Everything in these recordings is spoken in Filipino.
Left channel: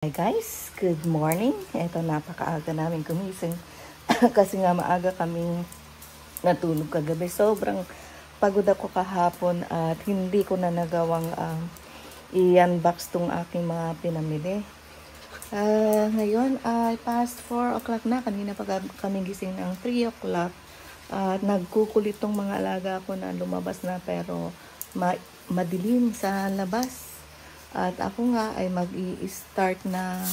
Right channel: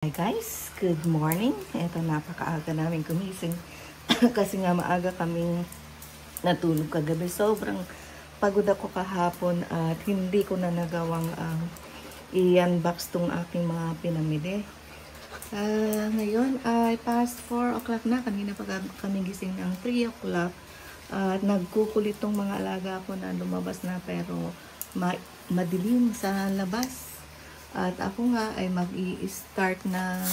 Hi guys, good morning. Ito, napakaaga namin gumising kasi nga maaga kaming natulog kagabi. Sobrang pagod ako kahapon at hindi ko na nagawang i-unbox tong aking mga pinamili. Ngayon ay past 4 o'clock na. Kanina pa kami gising ng 3 o'clock at nagkukulit tong mga alaga ko na lumabas na pero madilim sa labas. At ako nga ay mag-i-start na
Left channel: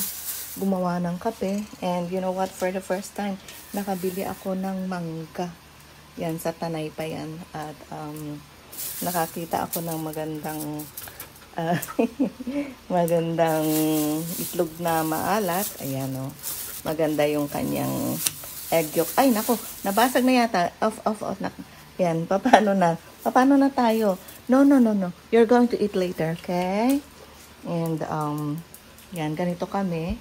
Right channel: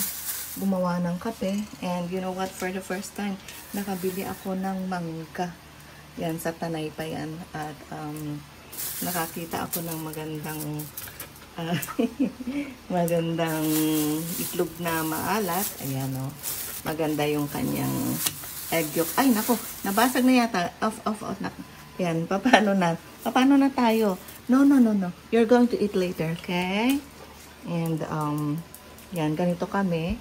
gumawa ng kape. And you know what? For the first time, nakabili ako ng mangga. Yan, sa Tanay pa yan. At nakakita ako ng magandang magandang itlog na maalat. Ayan o. Maganda yung kanyang egg yolk. Ay, naku. Nabasag na yata. Off. Ayan, paano na? Paano na tayo? No. You're going to eat later, okay? And, yan, ganito kami.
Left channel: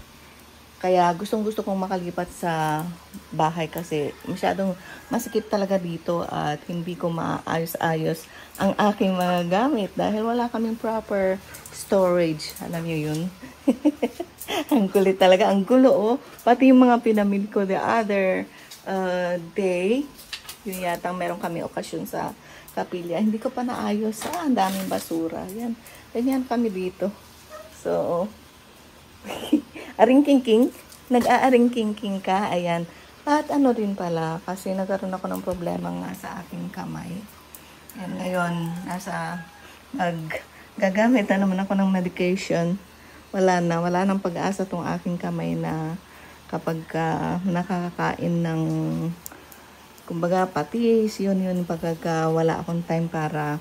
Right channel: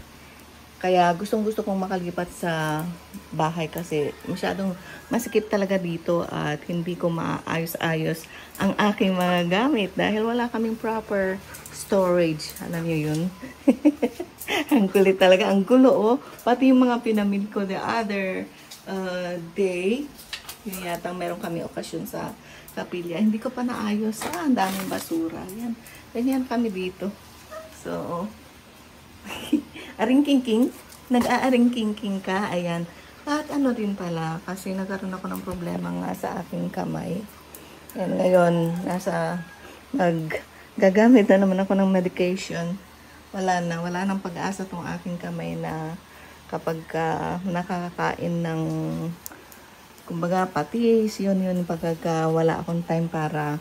Kaya gustong-gusto kong makalipat sa bahay kasi masyadong masikip talaga dito at hindi ko maayos-ayos ang aking mga gamit dahil wala kaming proper storage. Alam niyo yun? Ang kulit talaga. Ang gulo, oh. Pati yung mga pinamili ko the other day. Yun yata meron kami okasyon sa Kapilya. Hindi ko pa naayos. Ang daming basura. Yan. Ganyan kami dito. So, aring-king-king. Nag-aaring-king-king ka. Ayan. At ano rin pala, kasi nagkaroon ako ng problema nga sa aking kamay. Ayan, ngayon, gagamit na naman ako ng medication. Wala nang pag-asa tong aking kamay na kapag nakakakain ng kumbaga patis, yun pagka wala akong time para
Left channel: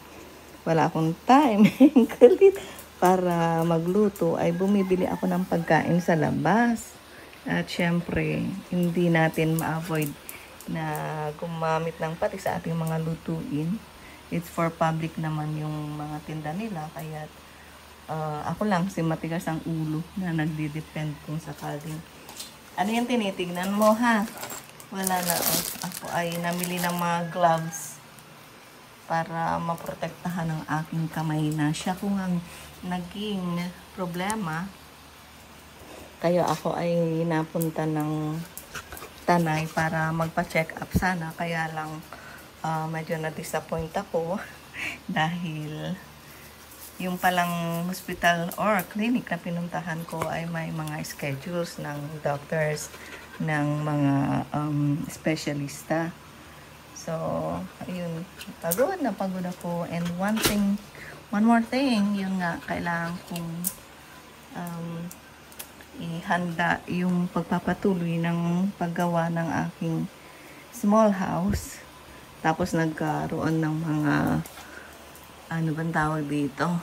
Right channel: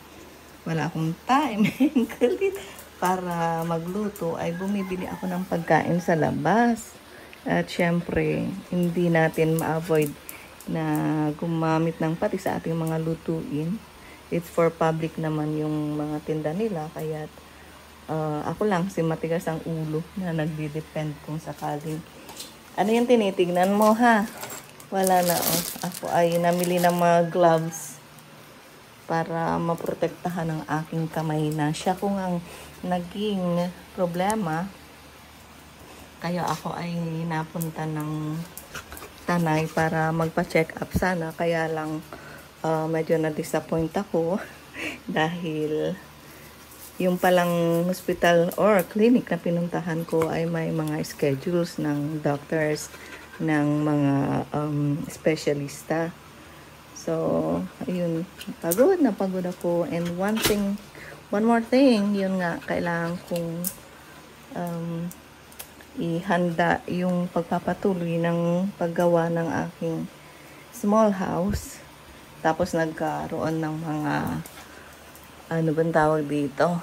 magluto, ay bumibili ako ng pagkain sa labas. At syempre, hindi natin ma-avoid na gumamit ng patis sa ating mga lutuin. It's for public naman yung mga tinda nila. Kaya ako lang si matigas ang ulo na nagdi-depend kung sakaling. Ano yung tinitignan mo, ha? Wala na. Ako ay namili ng mga gloves para maprotektahan ang aking kamay na siya kung ang naging problema. Kaya ako ay napunta ng Tanay para magpa-check up sana. Kaya lang medyo na-disappoint ako dahil yung palang hospital or clinic na pinuntahan ko ay may mga schedules ng doctors, ng mga specialista. So, ayun, pagod ako. And one more thing, yun nga, kailangan kong ihanda yung pagpapatuloy ng paggawa ng aking small house. Tapos nagkaroon ng mga, ano bang tawag dito?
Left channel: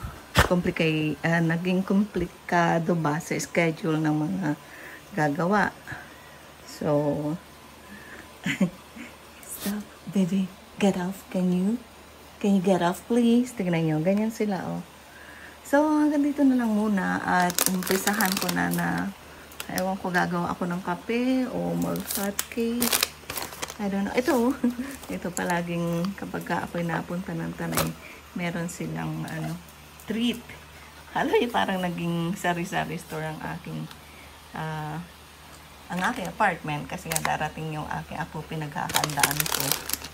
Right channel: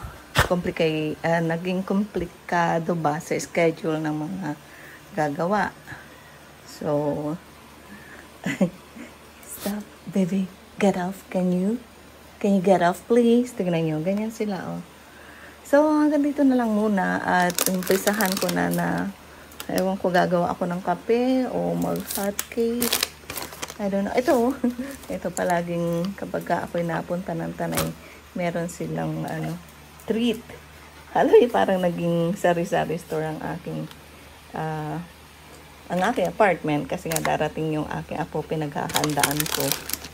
Naging komplikado ba sa schedule ng mga gagawa. So, stop, baby. Get off. Can you get off, please? Tignan nyo. Ganyan sila, oh. So, hanggang dito na lang muna. At umpisahan ko na ewan ko, gagawa ako ng kape o mag-hot cake. I don't know. Ito, ito palaging kapag ako'y napunta ng Tanay, meron silang treat. Alam mo, parang naging sari-sari store ang aking apartment kasi nga darating yung aking apo, pinaghahandaan ko.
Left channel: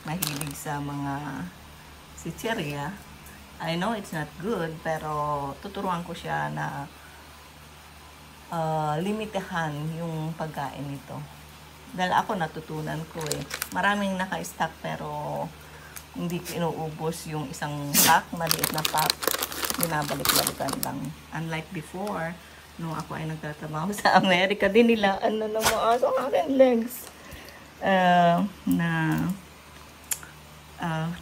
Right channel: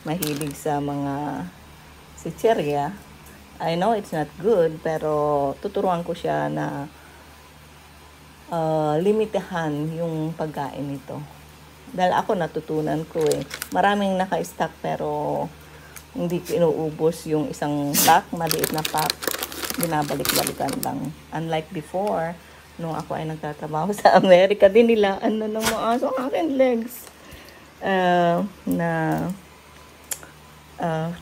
Mahilig sa mga chicheria. I know it's not good, pero tuturuan ko siya na limitahan yung pagkain nito. Dahil ako natutunan ko maraming naka-stock pero hindi ko inuubos yung isang pack, maliit na pack. Binabalik-balikan lang. Unlike before, nung ako ay nagtatrabaho sa Amerika, din nila ng mga aso aking legs.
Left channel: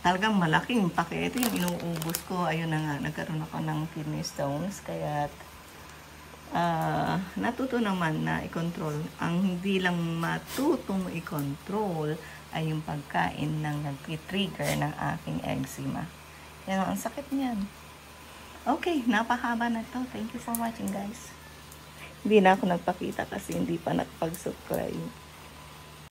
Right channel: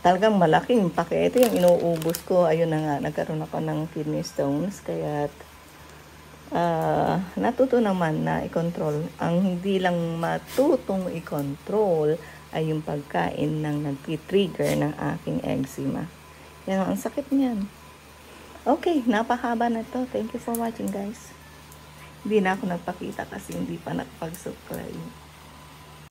Talagang malaking pake. Ito yung inuubos ko. Ayun na nga, nagkaroon ako ng kidney stones. Kaya natuto naman na i-control. Ang hindi lang matutong i-control ay yung pagkain ng nag-trigger ng aking eczema. Yan, ang sakit niyan. Okay, napahaba na to. Thank you for watching, guys. Hindi na ako nagpakita kasi hindi pa nakapag-subscribe.